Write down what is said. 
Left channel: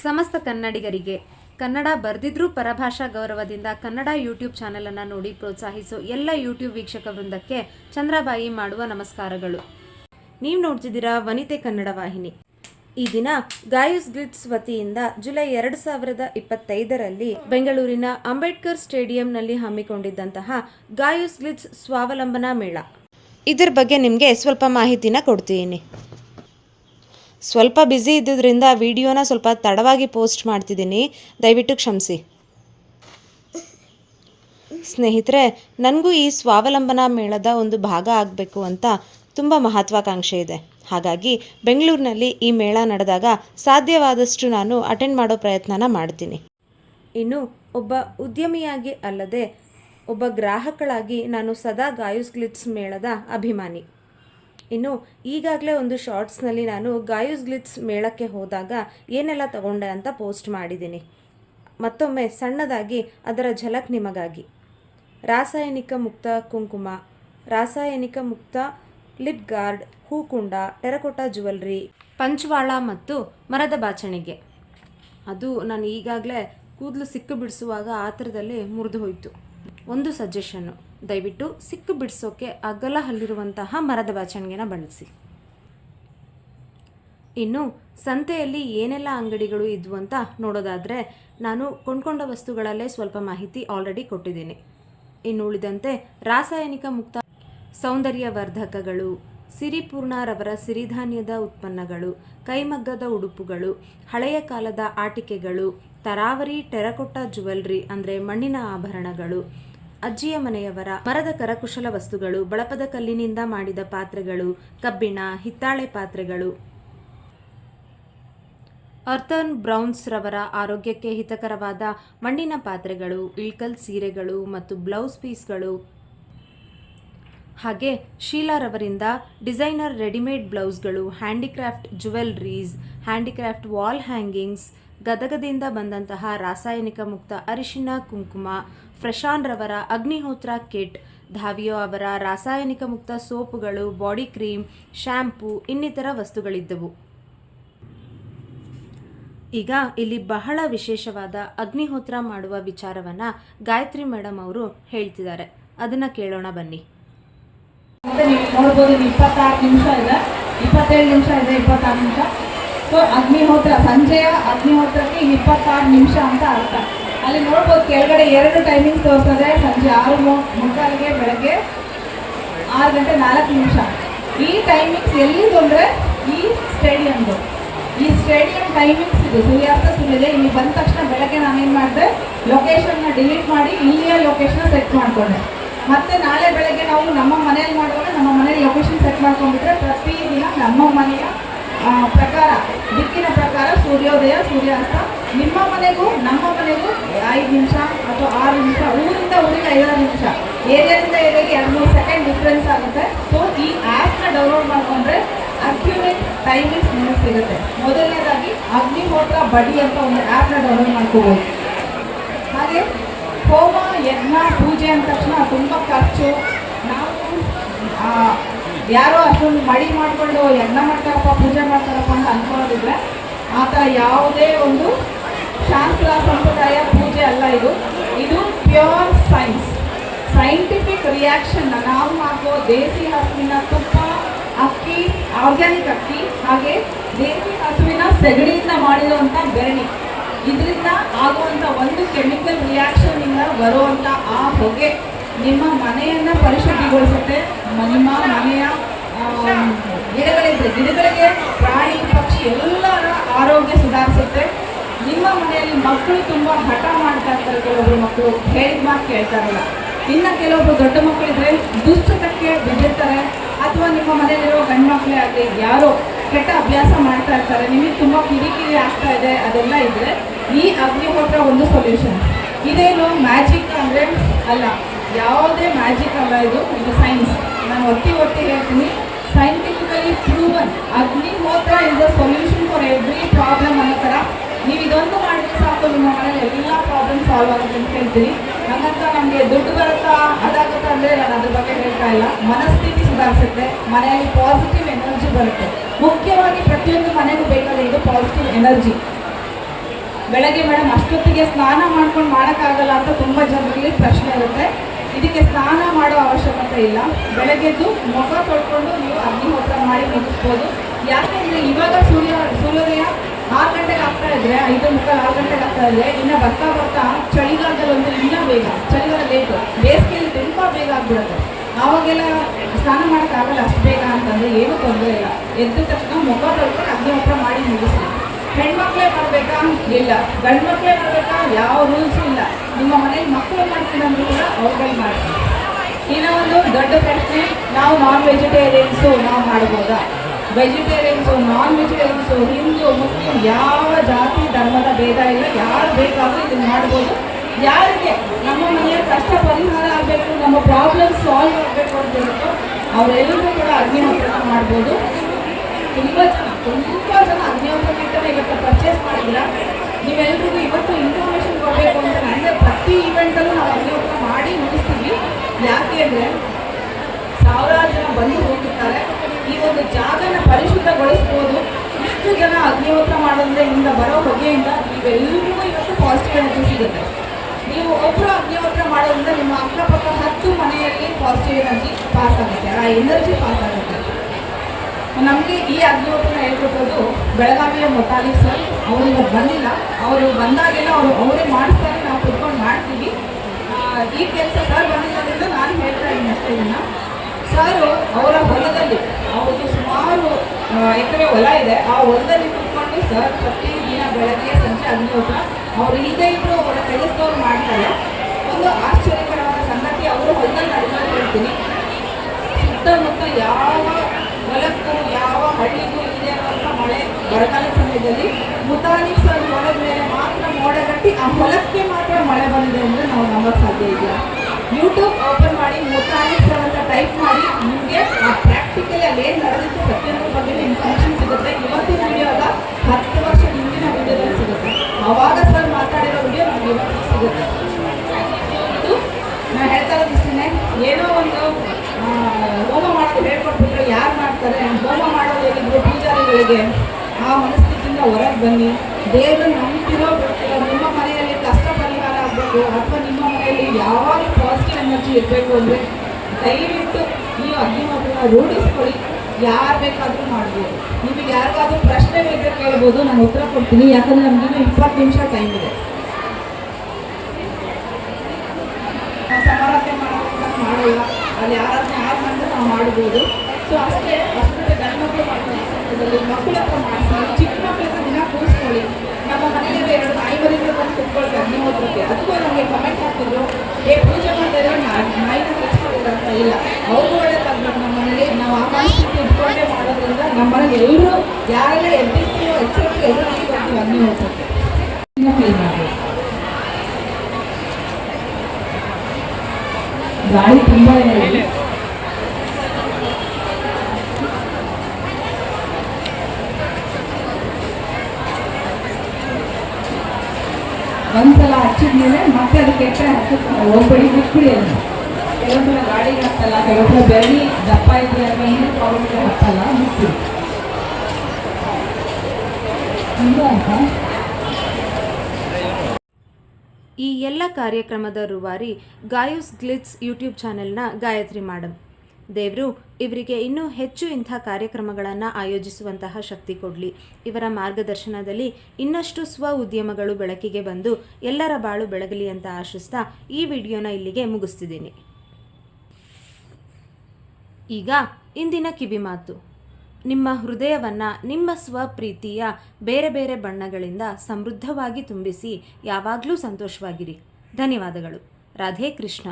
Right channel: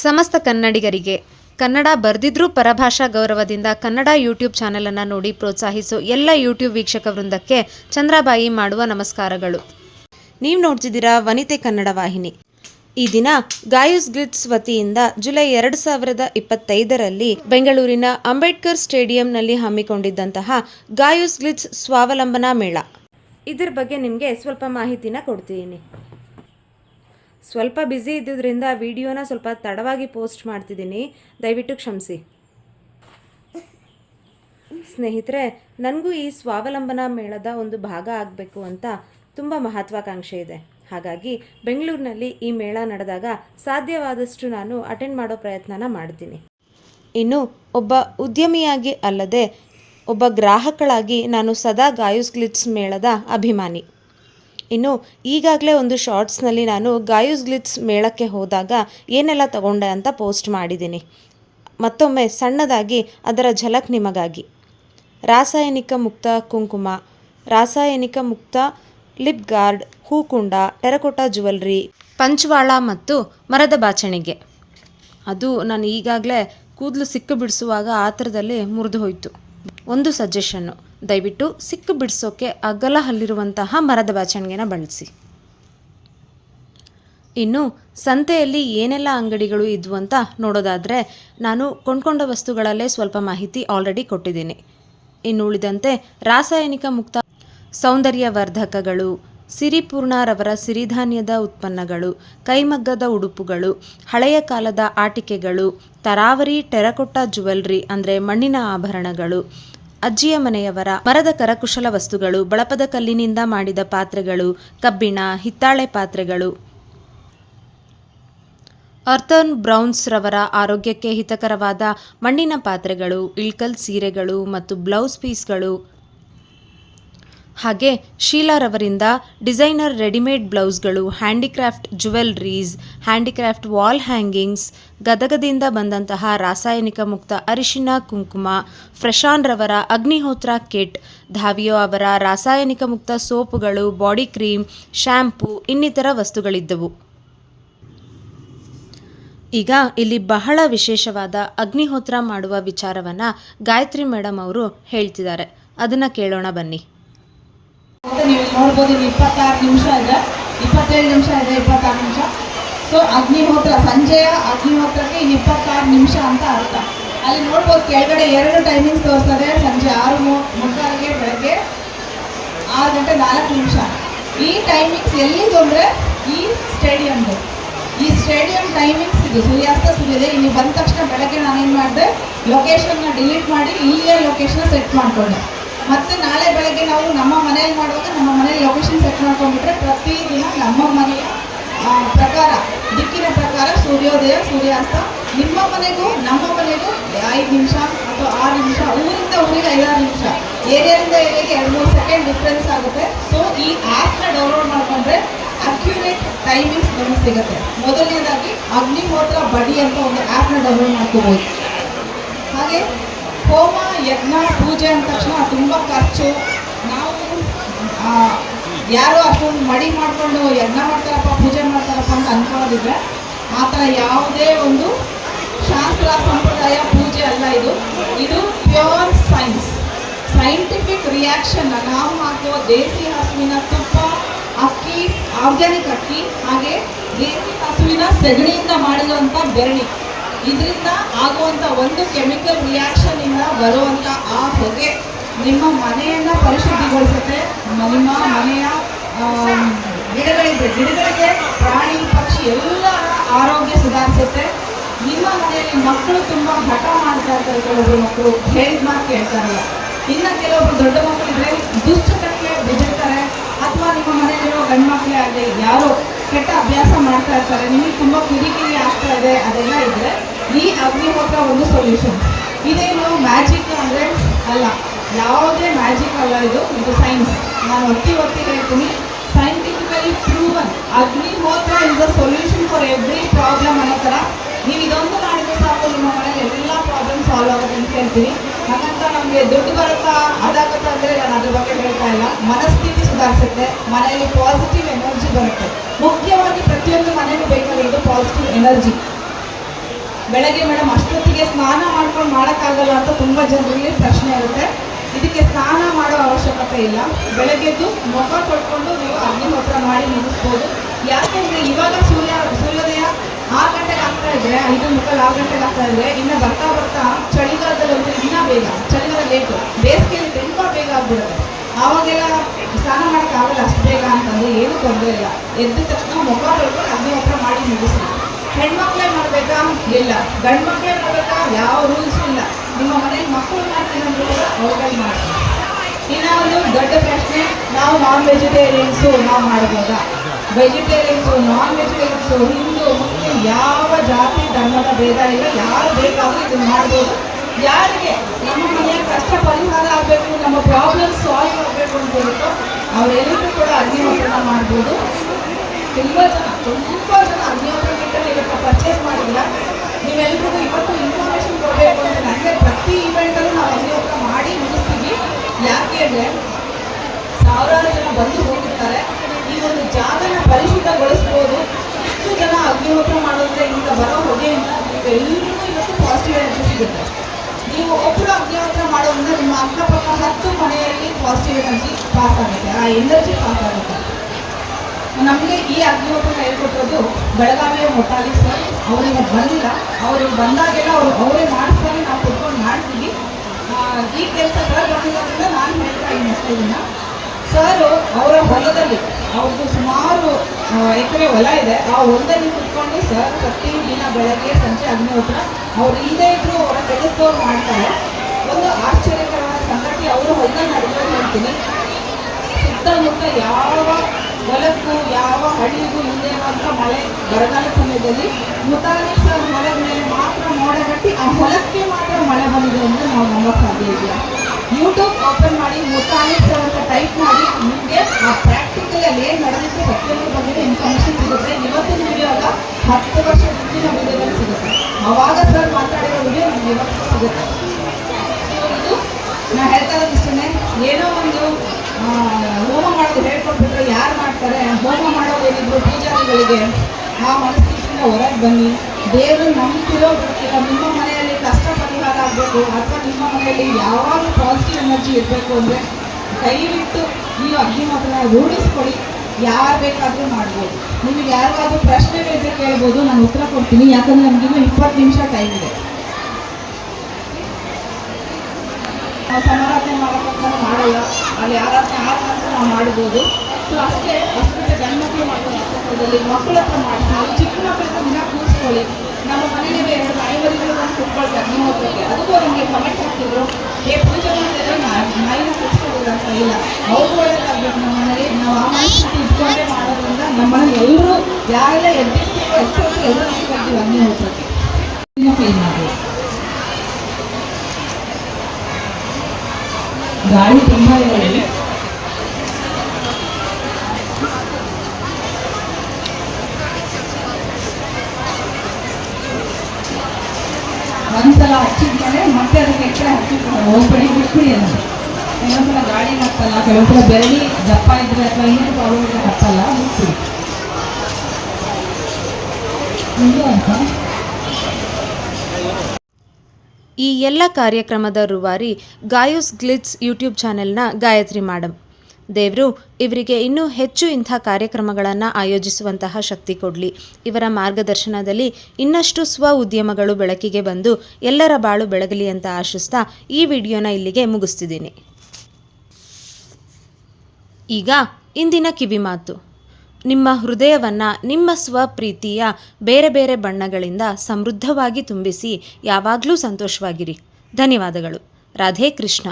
ಸಮಸ್ತ ಕನ್ನಡಿಗರಿಗೆ ಕನ್ನಡ ಬರೆದಿದ್ರೂ ಪರಭಾಷಾ ಗೌರವದಿಂದ ಕನ್ನಡ ಯೂಟ್ಯೂಬ್ ಚಾನಲನ್ನು ನೋಡಿ ಪ್ರೋತ್ಸಾಹಿಸೋ ಎಲ್ಲ ಯೂಟ್ಯೂಬ್ ವೀಕ್ಷಕ ವೃಂದಕ್ಕೆ ಚಂದ್ರಬಾಯಿ ಮಾಡುವ ನಮಸ್ಕಾರಗಳು. ನೀವು ನೋಡ್ತಿದ್ದೀರಾ ವನಿತೆ ಕನ್ನಡ ವಾಹಿನಿ. ಈ ದಿನ ಗಾಯೂಸ್ ಗ್ಲಿಟ್ಸ್ ವತಿಯಿಂದ ಜುಲೈ 2025ರಲ್ಲಿ ಬೆಂಗಳೂರಿನ ಅಂಬೇಡ್ಕರ್ ಸ್ಟೇಡಿಯಂನಲ್ಲಿ ಹಮ್ಮಿಕೊಂಡಿದ್ದಂತಹ ಗಾಯೂಸ್ ಗ್ಲಿಟ್ಸ್ ಸ್ವಾವಲಂಬನಾ ಮೇಳ, ಇದರ ಬಗ್ಗೆ ನಿಮಗೆ ಸ್ವಲ್ಪ ಮಾಹಿತಿನ ಕೊಡ್ತೀನಿ. ಸ್ವಲ್ಪ ಬ್ಯುಸಿ ಇದ್ದಿದ್ದರಿಂದ ವಿಡಿಯೋನ ಸ್ವಲ್ಪ ತಡವಾಗಿ ಪೋಸ್ಟ್ ಮಾಡ್ತಿದ್ದೀನಿ, ದಯವಿಟ್ಟು ಕ್ಷಮಿಸಿ. ಸ್ನೇಹಿತರೆ, ನನಗೂ ಈ ಸ್ವಾವಲಂಬನಾ ಮೇಳದ ಒಂದು ಭಾಗ ಆಗಬೇಕು ಅಂತ ತುಂಬ ಮಹತ್ವಾಕಾಂಕ್ಷೆ ಇದೆ. ಹಾಗಾಗಿ ಬೆಂಗಳೂರಿನಲ್ಲಿ ಈ ಮೇಳ ನಡೆದಾಗ ಸಾಧ್ಯವಾದಷ್ಟು ನಾನು ಅಟೆಂಡ್ ಮಾಡೋ ಪ್ರಯತ್ನನ ಮಾಡ್ತೀನಿ. ಇನ್ನು ಒಬ್ಬ ಉದ್ಯಮಿಯಾಗಿ ಅಲ್ಲದೆ ಒಬ್ಬ ಗ್ರಾಹಕಳಾಗಿ ನಾನು ಸದಾ ಗಾಯೂಸ್ ಗ್ಲಿಟ್ಸ್ ಮೇಳದ ಅಭಿಮಾನಿ. ಇನ್ನು ಈಗಾಗಲೇ ಒಂದು ಶಾರ್ಟ್ಸ್ನಲ್ಲಿ ನಾನು ಗಾಯೂಸ್ ಗ್ಲಿಟ್ಸ್ ಮೇಳಕ್ಕೆ ಹೋದಾಗ ಏನೆಲ್ಲ ತಗೊಂಡೆ ಅಂತ ಪೋಸ್ಟ್ ಮಾಡಿದ್ದೀನಿ. ಮತ್ತೊಮ್ಮೆ ಸಣ್ಣದಾಗಿ ಅದರ ಝಲಕ್ ನಿಮಗಾಗಿ. ರಾಸಾಯನಿಕ ಮುಕ್ತ ಕುಂಕುಮ, ರಾಸಾಯನಿಕ ಮುಕ್ತ ಲಿಪ್ ಗಾರ್ಡ್, ಹೂಕುಂಡ, ಟೆರಕೋಟಾ ಜ್ಯುವೆಲ್ರಿ, ಪಂಚವಾಳ ಮತ್ತು ಮರದ ಬಾಚಣಿಗೆ. ಅದು ನಾನು ಈಗಾಗಲೇ ಕೂದಲು ಸಿಕ್ಕು ಬಿಡಿಸುವಾಗ ಆ ಥರದಲ್ಲಿ ಮುರಿದು ಹೋಯಿತು. ಒಂದು ಸಜೆಷನ್ನು, ದಯವಿಟ್ಟು ಸಿಕ್ಕು ಬಿಡಿಸೋಕ್ಕೆ ಅಗಲ ಹಲ್ಲಿರುವಂತಹ ಮರದ ಬಾಚಣಿಗೆನ ಬಳಸಿ. ಇನ್ನು ಸಂತೆಯಲ್ಲಿ ಏನೆಲ್ಲ ಅಂಗಡಿಗಳು ಇದ್ವು ಅಂತ ನೋಡೋದಾದರೆ ನಾನು ಕೊಂಡ್ಕೊಂಡ ವಸ್ತುಗಳಲ್ಲೇ ಸ್ವಲ್ಪ ಮಾಹಿತಿ ಆಲ್ರೆಡಿ ಕೊಟ್ಟಿದ್ದೀನಿ. ಇನ್ನು ಉಳಿದಂತೆ ರಾಸಾಯನಿಕ ಮುಕ್ತ ಸೌಂದರ್ಯವರ್ಧಕಗಳು, ಸಿರಿಪೂರ್ಣರವರ ಸಿರಿಧಾನ್ಯದ ಉತ್ಪನ್ನಗಳು, ಕೈಮಗ್ಗದ ಉಡುಪುಗಳು, ಹಳೆಯ ಕಾಲದ ಆಟಿಕೆಗಳು, ತರಾವರಿ ಟೆರಕೋಟಾ ಜ್ಯುವೆಲ್ರಿ ಅಂದರೆ ಮಣ್ಣಿನ ಆಭರಣಗಳು, ಅಜ್ಜಿಯ ಮನೆಯವರ ಮರದ ಕರಕುಶಲ ವಸ್ತುಗಳು, ಬಳಪದ ಕಲ್ಲಿನಿಂದ ಮಾಡಿದ ಪಾತ್ರೆಗಳು, ಕಬ್ಬಿಣ, ಹಿತ್ತಾಳೆ ಪಾತ್ರೆಗಳು, ಅರ್ಥನ್ ಬ್ರೌನ್ಸ್ ರವರ ಆರೋಗ್ಯಕ್ಕೆ ಹಿತಕರವಾದ ಮಣ್ಣಿನ ಪಾತ್ರೆಗಳು, ಇಳ್ಕಲ್ ಸೀರೆಗಳು ಮತ್ತು ಬ್ಲೌಸ್ ಪೀಸ್ಗಳು, ಹಾಗೆ ಶೀಲಾರವರಿಂದ ಡಿಸೈನರ್ ರೆಡಿಮೇಡ್ ಬ್ಲೌಸ್ಗಳು, handicraft jewelleries, handicraft wall hangings, ಗದಗದಿಂದ ಬಂದಂತಹ ರಾಸಾಯನಿಕ ಮುಕ್ತ ಅರಿಶಿನ ಕುಂಕುಮ, ಫ್ರೆಶಾನ್ ರವರ ಅಗ್ನಿಹೋತ್ರ ಕಿಟ್, ಧಾವಿಯೋ ಅವರ ರಾಸಾಯನಿಕ ಮುಕ್ತ ಸೋಪುಗಳು, ಬಾಡಿ ಕ್ರೀಮ್, ಶ್ಯಾಂಪೂ ಇನ್ನಿತರ ವಸ್ತುಗಳಿದ್ದವು. ಈಗ ಇಲ್ಲಿ ಬಹಳ ವಿಶೇಷವಾದ ಅಗ್ನಿಹೋತ್ರ ಮಾಡುವ ವಿಚಾರವನ್ನು ಗಾಯತ್ರಿ ಮೇಡಮ್ ಅವರು ಹೇಳ್ತಿದ್ದಾರೆ. ಅದನ್ನು ಕೇಳೋಣ ಬನ್ನಿ. ನೀವು ನೋಡ್ಬೋದು, 26 ನಿಮಿಷ ಇದೆ, 27 ನಿಮಿಷ ಇದೆ, 26 ನಿಮಿಷ. ಸೊ ಅಗ್ನಿಹೋತ್ರ, ಸಂಜೆಯ ಅಗ್ನಿಹೋತ್ರಕ್ಕೆ 26 ನಿಮಿಷ ಅಂತ ಅರ್ಥ. ಅಲ್ಲಿ ನೋಡ್ಬೋದು ಕೆಳಗಡೆ 2 ಟೈಮಿಂಗ್ಸ್ ತೋರಿಸ್ತದೆ. ಸಂಜೆ 6:45ಗೆ, ಬೆಳಗ್ಗೆ 6 ಗಂಟೆ 4 ನಿಮಿಷ. ಈ ಟೈಮಿಂಗ್ಸ್ ಎಲ್ಲಿದು ಅಂದರೆ ಈ ಸ್ಟೇಡಿಯಮ್ದು. ಈ ಸ್ಟೇಡಿಯಂ ಟೈಮಿಂಗ್ಸ್ ಇದು. ಸೂರ್ಯಾಸ್ತ ಸೂರ್ಯೋದಯ. ಇಲ್ಲಿ ಬಂದ ತಕ್ಷಣ ಬೆಳಗ್ಗೆ ನಾನೇನು ಮಾಡಿದೆ, ಲೊಕೇಶನ್ನ ಡಿಲೀಟ್ ಮಾಡಿ ಇಲ್ಲಿಯ ಲೊಕೇಶನ್ ಸೆಟ್ ಮಾಡಿಕೊಂಡೆ. ಮತ್ತು ನಾಳೆ ಬೆಳಗ್ಗೆ ನಾವು ನಮ್ಮ ಮನೆಯಲ್ಲಿ ಮಾಡುವಾಗ ನಮ್ಮ ಮನೆಯಲ್ಲಿ ಲೊಕೇಶನ್ ಸೆಟ್ ಮಾಡ್ಕೊಂಡ್ಬಿಟ್ರೆ ಪ್ರತಿದಿನ ನಮ್ಮ ಮನೆಯ ಪ್ರಕಾರ, ದಿಕ್ಕಿನ ಪ್ರಕಾರ ಸೂರ್ಯೋದಯ ಸೂರ್ಯಾಸ್ತ ನಿಮ್ಮ ಮನೆಗೂ ನಮ್ಮ ಮನೆಗೂ 5 ನಿಮಿಷ ಅಥವಾ 6 ನಿಮಿಷ, ಊರಿಂದ ಊರಿಗೆ 5-6 ನಿಮಿಷ, ಏರಿಯಾದಿಂದ ಏರಿಯಾಗೆ 2-3 ಸೆಕೆಂಡ್ ಡಿಫ್ರೆನ್ಸ್ ಆಗುತ್ತೆ. ಸೊ ಈ ಆ್ಯಪ್ನ ಡೌನ್ಲೋಡ್ ಮಾಡಿಕೊಂಡ್ರೆ ಅಕ್ಯುರೇಟ್ ಟೈಮಿಂಗ್ಸ್ ನಮಗೆ ಸಿಗುತ್ತೆ. ಮೊದಲನೇದಾಗಿ ಅಗ್ನಿಹೋತ್ರ ಬಡಿ ಅಂತ ಒಂದು ಆ್ಯಪ್ನ ಡೌನ್ಲೋಡ್ ಮಾಡ್ಕೋಬೋದು. ಹಾಗೆ ಹೋಮ ಯಜ್ಞ ಪೂಜೆ ಅಂದ ತಕ್ಷಣ ತುಂಬ ಖರ್ಚು. ನಾವು ಯಾರೋ ಅಷ್ಟೊಂದು ಮಡಿ ಮಾಡಿಕೊಂಡು ಯಜ್ಞ ಮಾಡ್ತಾರಪ್ಪ ಪೂಜೆ ಮಾಡ್ತಾರಪ್ಪ ಅಂತ ಅಂದ್ಕೊಳ್ಳೋದಿದ್ರೆ ಆ ಥರ ಯಾವುದೇ ಒಂದು ಶಾಸ್ತ್ರ ಸಂಪ್ರದಾಯ ಪೂಜೆ ಅಲ್ಲ ಇದು. ಇದು ಪ್ಯೂರ್ ಸೈನ್ಸ್, ಸೈಂಟಿಫಿಕ್ ರಿಯಾಕ್ಷನ್. ನಾವು ಹಾಕೋ ದೇಸಿ ಹಸುವಿನ ತುಪ್ಪ, ಅಕ್ಕಿ, ಆರ್ಗ್ಯಾನಿಕ್ ಅಕ್ಕಿ, ಹಾಗೆ ದೇಸಿ ಹಸುವಿನ ಸೆಗಣಿಯಿಂದ ಮಾಡಿರುವಂಥ ಬೆರಣಿ, ಇದರಿಂದ ಆಗುವಂಥ ಒಂದು ಕೆಮಿಕಲ್ ರಿಯಾಕ್ಷನ್ನಿಂದ ಬರುವಂಥ ಆ ಹೊಗೆ ನಿಮ್ಮ ಮನೆಯನ್ನು ಪರಿಶುದ್ಧಿಗೊಳಿಸುತ್ತೆ. ನಿಮ್ಮ ಮನೆಯ ಗಿಡಗಳಿದ್ರೆ ಗಿಡಗಳಿಗೆ, ಪ್ರಾಣಿ ಪಕ್ಷಿ ಎಲ್ಲರ ಆರೋಗ್ಯ ಸುಧಾರಿಸುತ್ತೆ. ನಿಮ್ಮ ಮನೆಯಲ್ಲಿ ಮಕ್ಕಳು ತುಂಬ ಹಠ ಮಾಡ್ತಾ ಇರ್ತಾರೆ. ಕೆಲವೊಬ್ಬರು ಮಕ್ಕಳು ಹೇಳಿದ ಮಾತು ಕೇಳ್ತಾರಲ್ಲ. ಇನ್ನು ಕೆಲವೊಬ್ಬರು ದೊಡ್ಡ ಮಕ್ಕಳಿದ್ರೆ ದುಷ್ಟತಕ್ಕೆ ಬಿದ್ದಿರ್ತಾರೆ. ಅಥವಾ ನಿಮ್ಮ ಮನೆಯಲ್ಲಿರೋ ಗಂಡು ಮಕ್ಕಳೇ ಆಗಲಿ ಯಾರೋ ಕೆಟ್ಟ ಅಭ್ಯಾಸ ಮಾಡ್ತಾ ಇರ್ತಾರೆ, ನಿಮಗೆ ತುಂಬ ಕಿರಿಕಿರಿ ಆಗ್ತಾ ಇದೆ, ಅದೆಲ್ಲ ಇದ್ದರೆ ಈ ಅಗ್ನಿಹೋತ್ರ ಒಂದು ಸೊಲ್ಯೂಷನ್. ಇದೇನು ಮ್ಯಾಜಿಕ್ ಅಂದರೆ ಅಲ್ಲ, ಯಾವುದೇ ಮ್ಯಾಜಿಕ್ ಅಲ್ಲ, ಇದು ಸೈನ್ಸ್. ನಾನು ಒತ್ತಿ ಹೇಳ್ತೀನಿ, scientifically proven. Agnihotra is a solution for every problem ಅನ್ನೋ ಥರ. ನೀವು ಇದೊಂದು ಮಾಡಿದ್ರೆ ಸಾಕು, ನಿಮ್ಮ ಮನೇಲಿ ಎಲ್ಲ ಪ್ರಾಬ್ಲಮ್ ಸಾಲ್ವ್ ಆಗುತ್ತೆ ಅಂತ ಹೇಳ್ತೀನಿ. ಹಾಗಂತ ನಮಗೆ ದುಡ್ಡು ಬರುತ್ತಾ ಅದಾಗುತ್ತಾ ಅಂದರೆ ನಾನು ಅದ್ರ ಬಗ್ಗೆ ಹೇಳ್ತಾ ಇಲ್ಲ. ಮನಸ್ಥಿತಿ ಸುಧಾರಿಸುತ್ತೆ, ಮನೆಯಲ್ಲಿ ಪಾಸಿಟಿವ್ ಎನರ್ಜಿ ಬರುತ್ತೆ. ಮುಖ್ಯವಾಗಿ ಪ್ರತಿಯೊಂದು ಮನೆಯೂ ಬೇಕಾಗಿರೋದು ಪಾಸಿಟಿವ್ ಎನರ್ಜಿ. ಬೆಳಗ್ಗೆ ಮೇಡಮ್ ಅಷ್ಟೊತ್ತಿಗೆ ಸ್ನಾನ ಮಾಡ್ಕೊಂಡು ಮಾಡೋಕ್ಕಾಗಲ್ಲ ಅಂತ ತುಂಬ ಜನರಲ್ಲಿ ಪ್ರಶ್ನೆ ಇರುತ್ತೆ. ಇದಕ್ಕೆ ಸ್ನಾನ ಮಾಡೋ ಅವಶ್ಯಕತೆ ಇಲ್ಲ. ಬೆಳಗ್ಗೆದ್ದು ಮುಖ ತೊಳ್ಕೊಂಡು ನೀವು ಅಗ್ನಿಹೋತ್ರ ಮಾಡಿ ಮುಗಿಸ್ಬೋದು. ಯಾಕೆಂದರೆ ಇವಾಗ ಸೂರ್ಯೋದಯ 6 ಗಂಟೆಗೆ ಆಗ್ತಾ ಇದ್ರೆ 5:30 6 ಗಂಟೆಗೆ ಆಗ್ತಾ ಇದ್ರೆ ಇನ್ನು ಬರ್ತಾ ಬರ್ತಾ ಚಳಿಗಾಲದಲ್ಲಿ ಒಂದು ಇನ್ನೂ ಬೇಗ, ಚಳಿಗಾಲ ಲೇಟು, ಬೇಸಿಗೆಯಲ್ಲಿ ತುಂಬ ಬೇಗ ಆಗ್ಬಿಡುತ್ತೆ. ಆವಾಗೆಲ್ಲ ಸ್ನಾನ ಮಾಡೋಕ್ಕಾಗಲ್ಲ ಅಷ್ಟು ಬೇಗ ಅಂತಂದರೆ ಏನೂ ತೊಂದರೆ ಇಲ್ಲ. ಎದ್ದ ತಕ್ಷಣ ಮುಖ ತೊಳ್ಕೊಂಡು ಅಗ್ನಿಹೋತ್ರ ಮಾಡಿ ಮುಗಿಸಿ. ಹೆಣ್ಮಕ್ಳೇ ಮಾಡಬೇಕಾ? ಇಲ್ಲ. ಗಂಡು ಮಕ್ಕಳೇ ಮಾಡಬೇಕಾ? ಯಾವ ರೂಲ್ಸು ಇಲ್ಲ. ನಿಮ್ಮ ಮನೇಲಿ ಮಕ್ಕಳು ಮಾಡ್ತೀನಿ ಅಂದರೂ ಕೂಡ ಅವ್ರುಗಳು ಮಾಡ್ತೀವಿ. ಇನ್ನು ಒಂದು ದೊಡ್ಡ ಪ್ರಶ್ನೆ, ನಾವು ನಾನ್ ವೆಜಿಟೇರಿಯನ್ಸು ನಾವು ಮಾಡ್ಬೋದಾ? ವೆಜಿಟೇರಿಯನ್ಸು, ನಾನ್ ವೆಜಿಟೇರಿಯನ್ಸು, ಹಿಂದೂ, ಮುಸ್ಲಿಂ ಯಾವ ಜಾತಿ ಧರ್ಮದ ಭೇದ ಇಲ್ಲ. ಯಾರು ಬೇಕಾದರೂ ಇದನ್ನು ಮಾಡ್ಬೋದು. ಯಾರಿಗೆ ನಮ್ಮ ಮನೆಯ ಕಷ್ಟ ಪರಿಹಾರ ಆಗಬೇಕು, ನಮ್ಮ ಪ್ರಾಬ್ಲಮ್ ಸಾಲ್ವ್ ಆಗಬೇಕು ಅಂತ ಹೇಳುತ್ತೋ ಅವರೆಲ್ಲರೂ ಕೂಡ ಅಗ್ನಿಹೋತ್ರ ಮಾಡ್ಬೋದು. ತುಂಬ ಜನ ಅಗ್ನಿಹೋತ್ರ ಕಿಟ್ಟನ್ನು ಇವತ್ತು ಪರ್ಚೇಸ್ ಮಾಡಿಲ್ಲ. ನೀವೆಲ್ಲರಿಗೂ ಇವತ್ತು ಇನ್ಫಾರ್ಮೇಷನ್ ಕೊಡಬೇಕು ಅಂತ ಅಂದರೆ ಪ್ರತಿ ಈವೆಂಟಲ್ಲೂ ನಾವು ಅಗ್ನಿಹೋತ್ರ ಮಾಡಿ ಮುಗಿಸ್ತೀವಿ. ಯಾಕೆ ಅಂದರೆ ಸಾವಿರಾರು ಜನ ಬಂದು ಹೋಗಿರ್ತಾರೆ. ಈ ಒಂದು ಜಾಗನ ಪರಿಶುದ್ಧಗೊಳಿಸ್ಬೋದು. ಇಷ್ಟು ಜನ ಅಗ್ನಿಹೋತ್ರ ಮಾಡೋದ್ರಿಂದ ಬರೋ ಹೊಗೆಯಿಂದ ನೀವೆಲ್ಲರಿಗೂ ಇವತ್ತು ಪಾಸಿಟಿವ್ ಎನರ್ಜಿ ಸಿಗುತ್ತೆ. ನೀವು ಒಬ್ಬರು ಅಗ್ನಿಹೋತ್ರ ಮಾಡೋದ್ರಿಂದ ನಿಮ್ಮ ಅಕ್ಕಪಕ್ಕ 10 ಮನೆಯಲ್ಲಿ ಪಾಸಿಟಿವ್ ಎನರ್ಜಿ ಪಾಸ್ ಆಗುತ್ತೆ, ಆ ಎನರ್ಜಿ ಪಾಸ್ ಆಗುತ್ತೆ. ನಮಗೆ ಈ ಅಗ್ನಿಹೋತ್ರ ಹೇಳ್ಕೊಟ್ಟೋದು ಬೆಳಗಾವಿಯ ಮೊತಾಲಿ ಸರ್. ಅವರು ಇವತ್ತು ಬಂದಿಲ್ಲ. ಅವರು ಬಂದಾಗೆಲ್ಲ ಅವರೇ ಮಾಡಿಸ್ತಾರೆ, ನಾವು ಕುತ್ಕೊಂಡು ಮಾಡ್ತೀವಿ. ಈ ಕೆಲಸ ಸರ್ ಬಂದಿರೋದ್ರಿಂದ ನಾನು ಹೇಳ್ತಾ ಇದ್ದೀನಿ ಅಷ್ಟೇ. ಸರು ಅವರ ಹೊಲದಲ್ಲಿ, ಅವ್ರದ್ದು ಸುಮಾರು ಎಕರೆ ಹೊಲ ಇದೆ. ಆ ಹೊಲದಲ್ಲಿ ಕುತ್ಕೊಂಡು ಸರ್ ಪ್ರತಿದಿನ ಬೆಳಗ್ಗೆ ಸಂಜೆ ಅಗ್ನಿಹೋತ್ರ ಅವ್ರು ಇಲ್ಲದೇ ಇದ್ದರೂ ಅವರ ಕೆಲಸದವ್ರು ಮಾಡ್ತಾರೆ. ಒಂದು ಆಶ್ಚರ್ಯಕರವಾದ ಸಂಗತಿ, ಅವರು ಹೊಲದಲ್ಲಿ ನಡೆದಾಗ ಹೇಳ್ತೀನಿ, ಸುತ್ತಮುತ್ತ ಯಾವ ಹೊಲಕ್ಕೂ ಯಾವ ಹಳ್ಳಿಗೂ ಇಲ್ಲದೆ ಇರುವಂಥ ಮಳೆ ಬರಗಾಲ ಸಮಯದಲ್ಲಿ ಮುತಾಲಿಕ್ ಸರ್ ಹೊಲದ ಮೇಲೆ ಮಾತ್ರ ಮೋಡಗಟ್ಟಿ ಆ ಹೊಲಕ್ಕೆ ಮಾತ್ರ ಮಳೆ ಬಂದಿದೆ ಅಂದರೆ ನಾವು ನಂಬಕ್ಕೆ ಸಾಧ್ಯ ಇದೆಯಾ? ಯೂಟ್ಯೂಬ್ ಓಪನ್ ಮಾಡಿ ಮುತಾಲಿಕ್ ಸರ್ ಅಂತ ಟೈಪ್ ಮಾಡಿ, ನಿಮಗೆ ಆ ಪ್ರಾಕ್ಟಿಕಲ್ ಅಲ್ಲಿ ಏನು ನಡೆದಿತ್ತು ಪ್ರತಿಯೊಂದ್ರ ಬಗ್ಗೆ ಇನ್ಫಾರ್ಮೇಷನ್ ಸಿಗುತ್ತೆ. ಇವತ್ತಿನ ವಿಡಿಯೋ ಅಲ್ಲ, 10 ವರ್ಷ ಹಿಂದಿನ ವಿಡಿಯೋದಲ್ಲಿ ಸಿಗುತ್ತೆ. ಆವಾಗ ಸರ್ ಮಾತಾಡಿರೋ ವಿಡಿಯೋ ನಮಗೆ ಇವತ್ತು ಸಿಗುತ್ತೆ. ಇದು ನಾನು ಹೇಳ್ತಾ ಇರೋದು ಇಷ್ಟೇ. ಏನೋ ಒಂದು ಹೋಮ ಮಾಡೋದು ಹೇಳ್ಕೊಟ್ಬಿಟ್ರೆ ಯಾರು ಮಾಡ್ತಾರೆ? ಹೋಮ ಮಾಡೋದು ಏನಿದ್ರು ಪೂಜಾರಿಗಳಿಗೆ ಆ ಮನಸ್ಥಿತಿಯಿಂದ ಹೊರಗೆ ಬನ್ನಿ. ದೇವರು ನಂಬಿರೋ ಬಿಡ್ತಿರೋ, ನಿಮ್ಮ ಮನೆಯಲ್ಲಿ ಕಷ್ಟ ಪರಿಹಾರ ಆಗಬೇಕು ಅಥವಾ ನಿಮ್ಮ ಮನೆಯಲ್ಲಿ ಯಾವಾಗ ಪಾಸಿಟಿವ್ ಎನರ್ಜಿ ಇರಬೇಕು ಅಂದರೆ ದಯವಿಟ್ಟು ನೀವು ಅಗ್ನಿಹೋತ್ರ ರೂಢಿಸ್ಕೊಳ್ಳಿ. ಯಾರು ಬೇಕಾದರೂ ಮಾಡ್ಬೋದು. ನಿಮಗೆ ಯಾರಿಗಾದ್ರೂ ಪ್ರಶ್ನೆ ಬೇಕಾದ್ರೆ ಕೇಳ್ಬೋದು, ನಾನು ಉತ್ತರ ಕೊಡ್ತೀನಿ. ಯಾಕಂದರೆ ನಮಗಿನ್ನೂ 20 ನಿಮಿಷ ಟೈಮ್ ಇದೆ. ನಾವು ಸಮಾರಾಧನೆ ಮಾಡೋಲ್ಲ, ಅಲ್ಲಿ ಆರಾಧನೆ ಆದ್ಮೇಲೆ ನಾವು ಮಾಡ್ಬೋದು. ಸೊ ಅಷ್ಟೇ ಗಂಡು ಮಕ್ಕಳು ಮಾಡ್ತಾರೆ. ಮಕ್ಕಳ ಹತ್ರ ಮಾಡಿಸಿ, ಚಿಕ್ಕ ಮಕ್ಕಳ ಹತ್ರ ದಿನ ಕೂರಿಸ್ಕೊಳ್ಳಿ. ನಮ್ಮ ಮನೇಲಿ 2 ನಾಯಿಮರಿಗಳು ಬಂದು ಕುತ್ಕೊಳ್ತಾರೆ ಅಗ್ನಿಹೋತ್ರಕ್ಕೆ. ಅದಕ್ಕೂ ನಮಗೆ ಕಮೆಂಟ್ ಹಾಕ್ತಿದ್ರು, ಪೂಜೆ ಮಾಡಿದ್ರೆ ನಾಯಿನ ಕಚ್ಕೊಳ್ಳಿಲ್ಲ ಅಂತ. ಇಲ್ಲ, ಅವ್ರಿಗೂ ಒಳ್ಳೇದಾಗಬೇಕು. ನಮ್ಮ ಮನೇಲಿ ನಾವು ಆ ಮನಸ್ಥಿತಿ ಇಟ್ಕೊಂಡೇ ಮಾಡೋದ್ರಿಂದ ನಮ್ಮ ಮನೇಲಿ ಎಲ್ಲರೂ ಯಾರೆಲ್ಲ ಎದ್ದಿರ್ತೀವೋ ಎಚ್ಚರಿಕೆ ಎಲ್ಲರೂ ಹಾಕ್ತೀವಿ ಅಗ್ನಿಹೋತ್ರಕ್ಕೆ. ಫೀಲ್ ಮಾಡ್ಬೋದು. ಗಾಳಿ ತುಂಬ ಇದೆ. ಒಂದ್ಸಲ ಹಚ್ಚಿದ್ಮೇಲೆ ಮತ್ತೆ ಅದಕ್ಕೆ ಎಕರೆ ಹೋಗ್ಬೇಡಿ, ಬಿಟ್ಬಿಡಿ. ಅದನ್ನು ಕೆಲವೊಂದ್ಸಲ ಗಾಳಿಗೆ ಹಾಕಲ್ಲ, ಕೆಲವೊಂದ್ಸಲ ಬೆರಳಿ ದಪ್ಪ ಇದ್ರೆ ಅಥವಾ ಏನೇ ಪ್ರಾಬ್ಲಮ್ ಇದ್ರೆ ಹಾಕಲ್ಲ, ಬಿಟ್ಬಿಡಿ. ಈ ಎಲ್ಲ ಕಾರ್ಯಕ್ರಮದ ರೂವಾರಿ ಗಾಯೂಸ್ ಗ್ಲಿಟ್ಸ್ ಯೂಟ್ಯೂಬ್ ಚಾನೆಲ್ನ ಗಾಯತ್ರಿ ಮೇಡಮ್. ದೇವರು ಇವರಿಗೆ ಇನ್ನೂ ಹೆಚ್ಚು ಇಂಥ ಕಾರ್ಯಕ್ರಮಗಳನ್ನು ಆಯೋಜಿಸುವಂತಹ ಶಕ್ತಿ ಕೊಡಲಿ. ಇವರ ಮಾರ್ಗದರ್ಶನದಲ್ಲಿ ಇನ್ನಷ್ಟು ಸ್ವ ಉದ್ಯಮಗಳು ಬೆಳಕಿಗೆ ಬಂದು ಎಲ್ಲರ ಬಾಳು ಬೆಳಗಲಿ ಅಂತ ಆಶಿಸ್ತಾ ಈ ವಿಡಿಯೋನ ಇಲ್ಲಿಗೆ ಮುಗಿಸ್ತಿದ್ದೀನಿ. ಈಗ ಇಂದಿನ ಕಿವಿಮಾತು. ನಿಮ್ಮ ಹೃದಯವನ್ನು ನಿಮ್ಮ ಸ್ವಪ್ರೀತಿಯ ಬೇರೆ ಬೇರೆ ಬಣ್ಣಗಳಿಂದ ಸಮೃದ್ಧವಾಗಿ ತುಂಬಿಸಿ ಯಾವಾಗಲೂ ಸಂತೋಷವಾಗಿರಿ. ಧನ್ಯವಾದಗಳು. ರಾಧೇ ಕೃಷ್ಣ.